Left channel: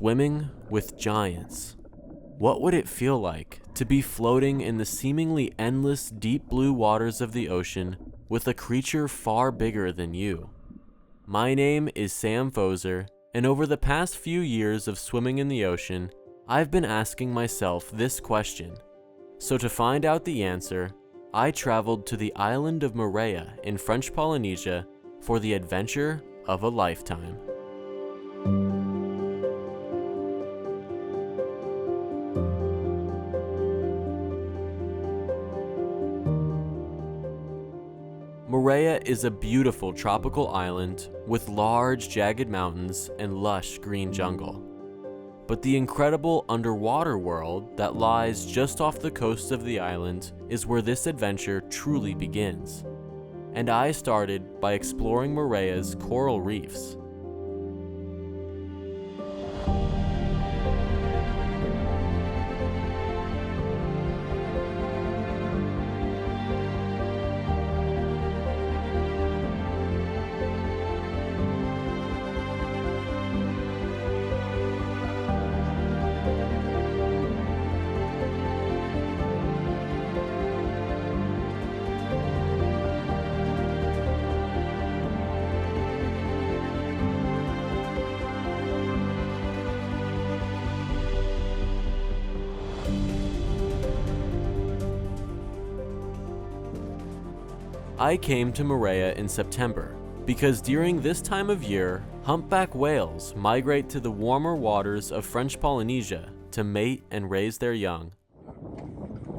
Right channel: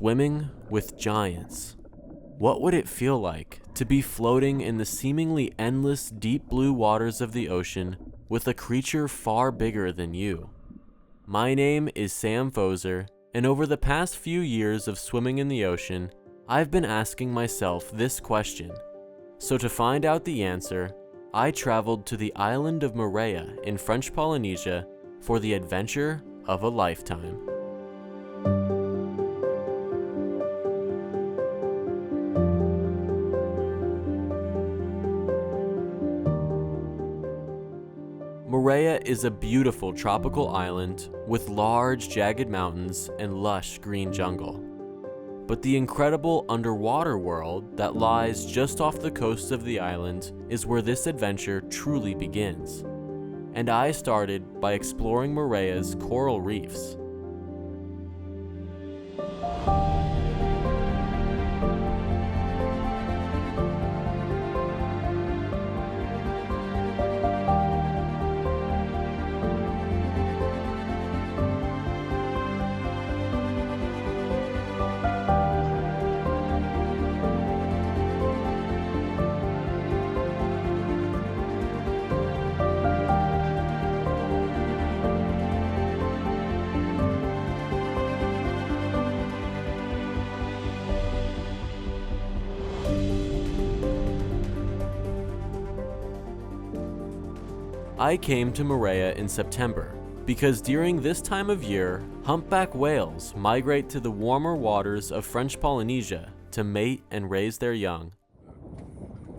Swimming with giants. What would it feel like to be floating in the seemingly endless deep blue waters of the ocean with a creature far bigger than you? My name is Sam Pfoser, and over the past few years of swimming in the ocean, I've been asking myself this question. So to find out the answer, I traveled to the island of Moorea in French Polynesia for the adventure of a lifetime. Moorea is a beautiful tropical island with large, jagged mountains and lush green jungle. But the incredible underwater world that lies just off the coast of the island is where this adventure truly begins. And I started by exploring Moorea's coral reefs. I came to Moorea in September because during this time of year, humpback whales migrate to the warmer waters of French Polynesia to mate and raise their young.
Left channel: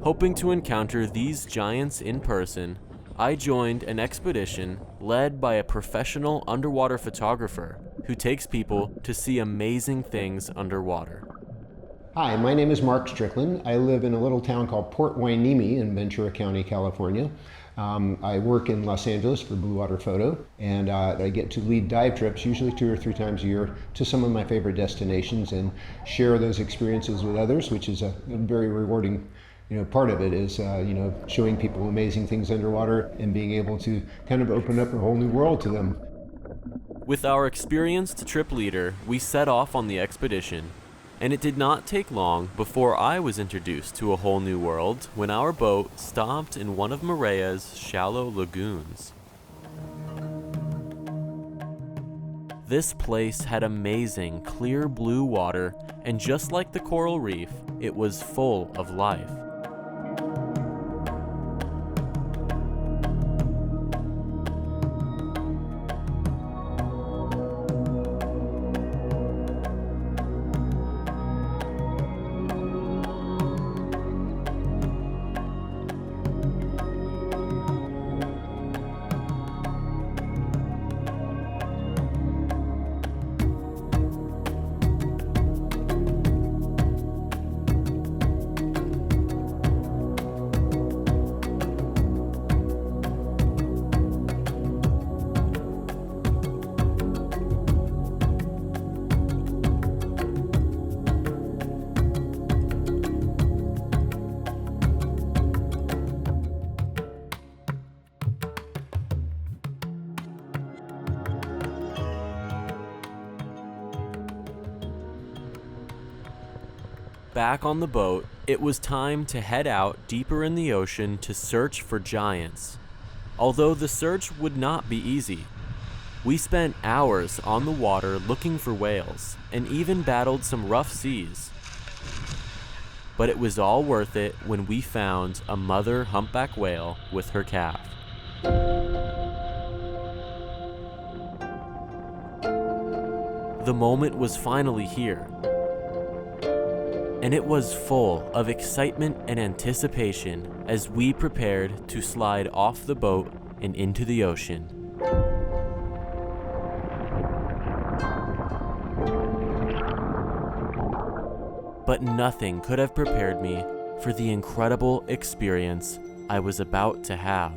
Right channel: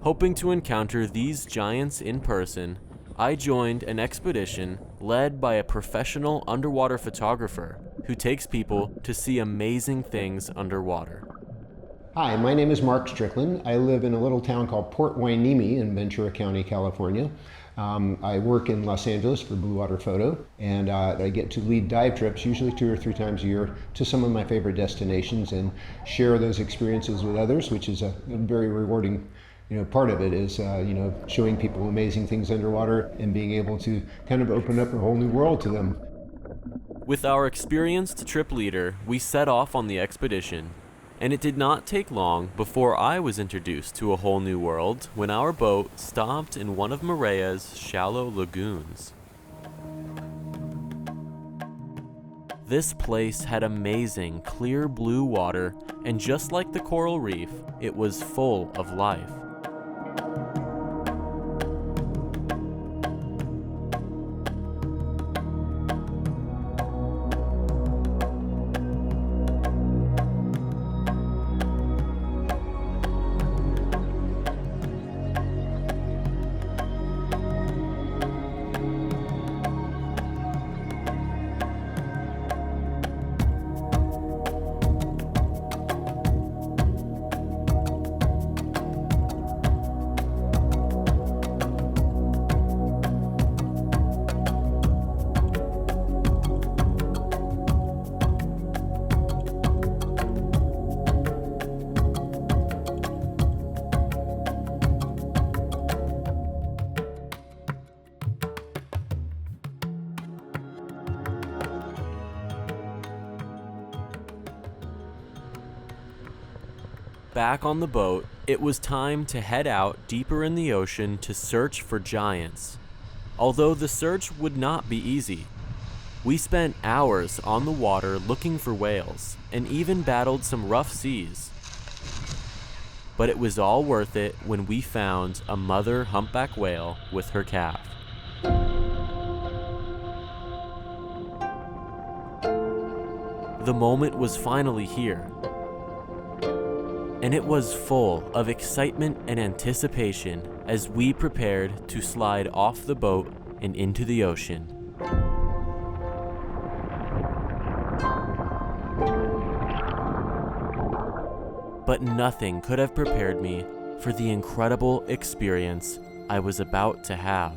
Hoping to encounter these giants in person, I joined an expedition led by a professional underwater photographer who takes people to see amazing things underwater. Hi, my name is Mark Strickland. I live in a little town called Ploynesia in Ventura County, California. I work in Los Angeles for Blue Water Photo, and I get to lead dive trips, usually 2 or 3 times a year, to some of my favorite destinations and share those experiences with others, which is a very rewarding part of it is, showing people amazing things underwater and being able to kind of open up a whole new world to them. With our experienced trip leader, we set off on the expedition. And it did not take long before I was introduced to a whole new world when our boat stopped in one of Moorea's shallow lagoons. This place had amazing clear blue water, and just like the coral reef, it was full of life. Back on the boat, it was time to head out deeper in the ocean to search for giants. Although the search would not be easy. We spent hours on the water looking for whales and even battled some rough seas. But it was all worth it when we found a mother humpback whale with her calf. The moment was finally here. And it was full of excitement and anticipation as we prepared to slide off the boat and into the ocean. But nothing could have prepared me for the incredible experience I was about to have.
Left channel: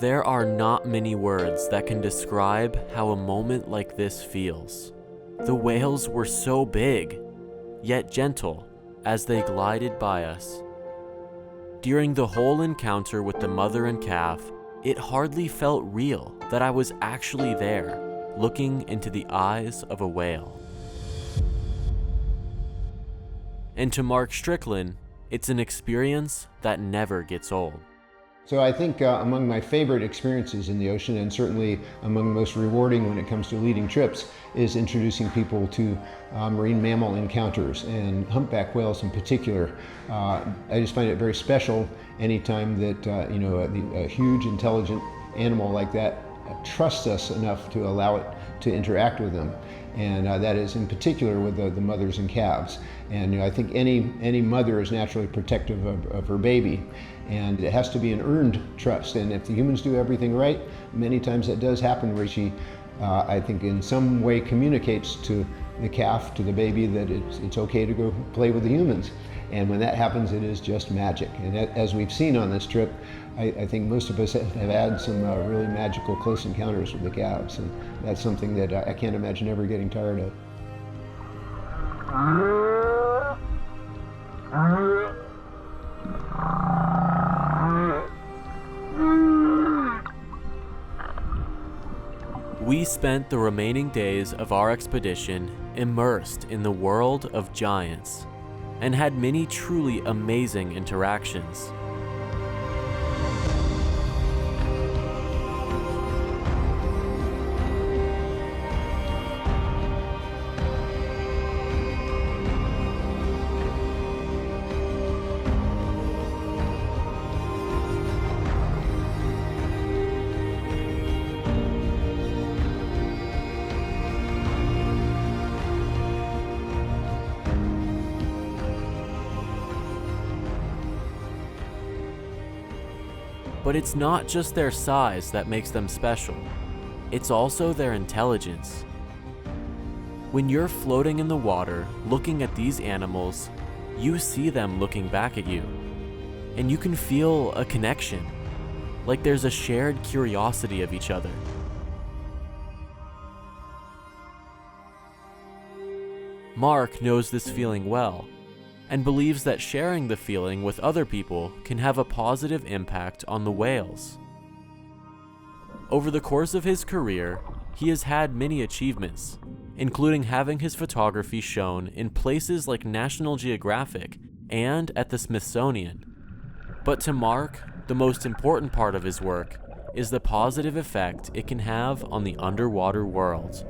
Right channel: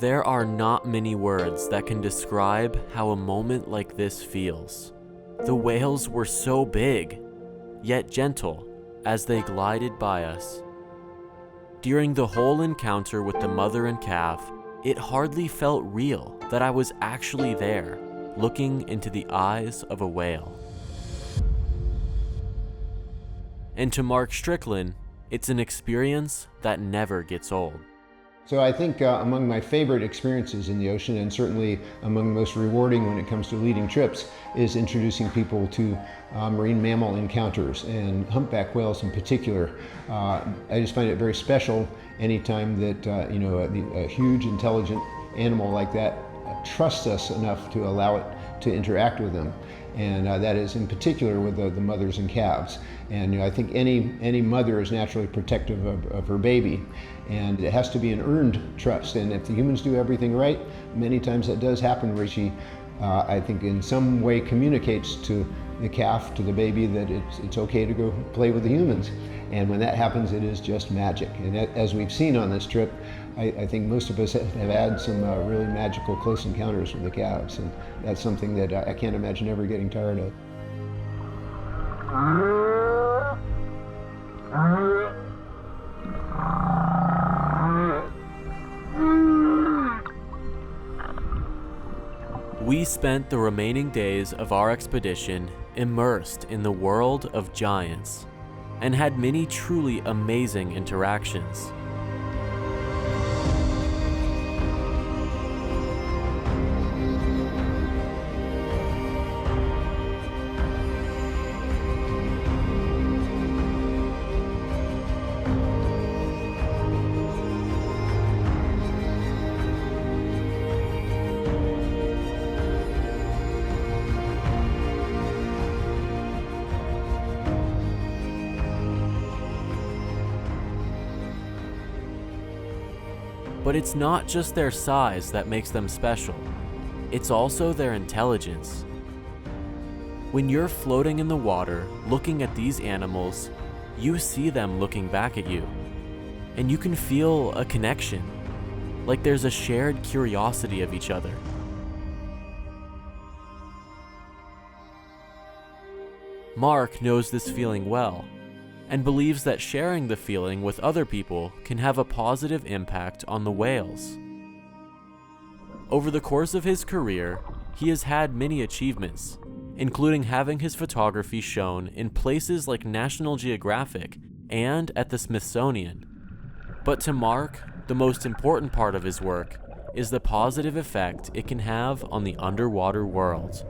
There are not many words that can describe how a moment like this feels. The whales were so big, yet gentle, as they glided by us. During the whole encounter with the mother and calf, it hardly felt real that I was actually there, looking into the eyes of a whale. And to Mark Strickland, it's an experience that never gets old. So I think among my favorite experiences in the ocean, and certainly among the most rewarding when it comes to leading trips, is introducing people to marine mammal encounters, and humpback whales in particular. I just find it very special anytime that a huge, intelligent animal like that trusts us enough to allow it to interact with them. And that is in particular with the mothers and calves. And I think any mother is naturally protective of her baby, and it has to be an earned trust. And if the humans do everything right, many times that does happen where she, I think in some way communicates to the calf, to the baby, that it's okay to go play with the humans. And when that happens, it is just magic. And as we've seen on this trip, I think most of us have had some really magical close encounters with the calves, and that's something that I can't imagine ever getting tired of. We spent the remaining days of our expedition immersed in the world of giants, and had many truly amazing interactions. But it's not just their size that makes them special, it's also their intelligence. When you're floating in the water looking at these animals, you see them looking back at you, and you can feel a connection, like there's a shared curiosity of each other. Mark knows this feeling well, and believes that sharing the feeling with other people can have a positive impact on the whales. Over the course of his career, he has had many achievements, including having his photography shown in places like National Geographic and at the Smithsonian. But to Mark, the most important part of his work is the positive effect it can have on the underwater world.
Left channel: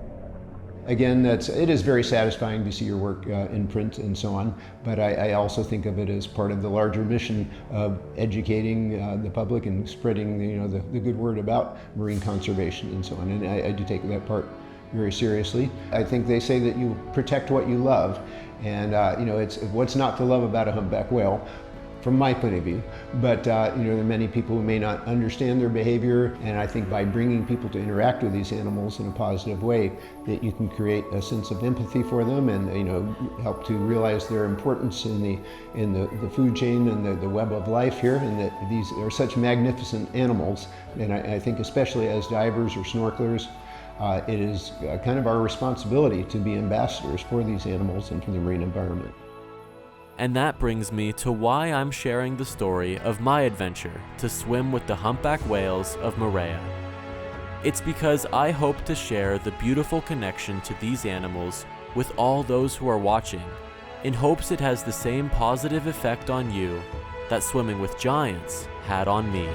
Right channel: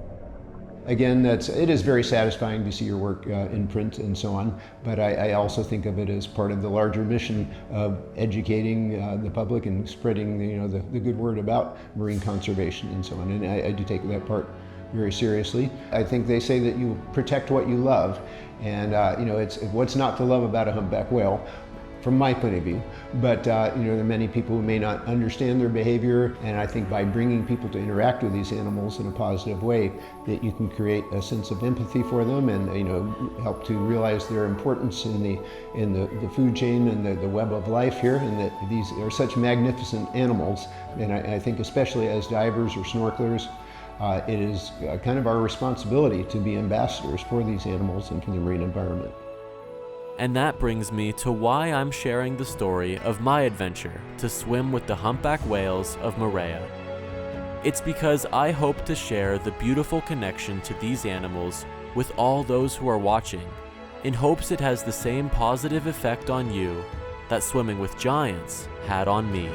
Again, it is very satisfying to see your work in print and so on, but I also think of it as part of the larger mission of educating the public and spreading the good word about marine conservation and so on, and I do take that part very seriously. I think they say that you protect what you love, and it's what's not to love about a humpback whale, from my point of view. But there are many people who may not understand their behavior, and I think by bringing people to interact with these animals in a positive way, that you can create a sense of empathy for them, and help to realize their importance in the food chain and the web of life here, and that these are such magnificent animals. And I think especially as divers or snorkelers, it is kind of our responsibility to be ambassadors for these animals and for the marine environment. And that brings me to why I'm sharing the story of my adventure to swim with the humpback whales of Moorea. It's because I hope to share the beautiful connection to these animals with all those who are watching, in hopes it has the same positive effect on you that swimming with giants had on me.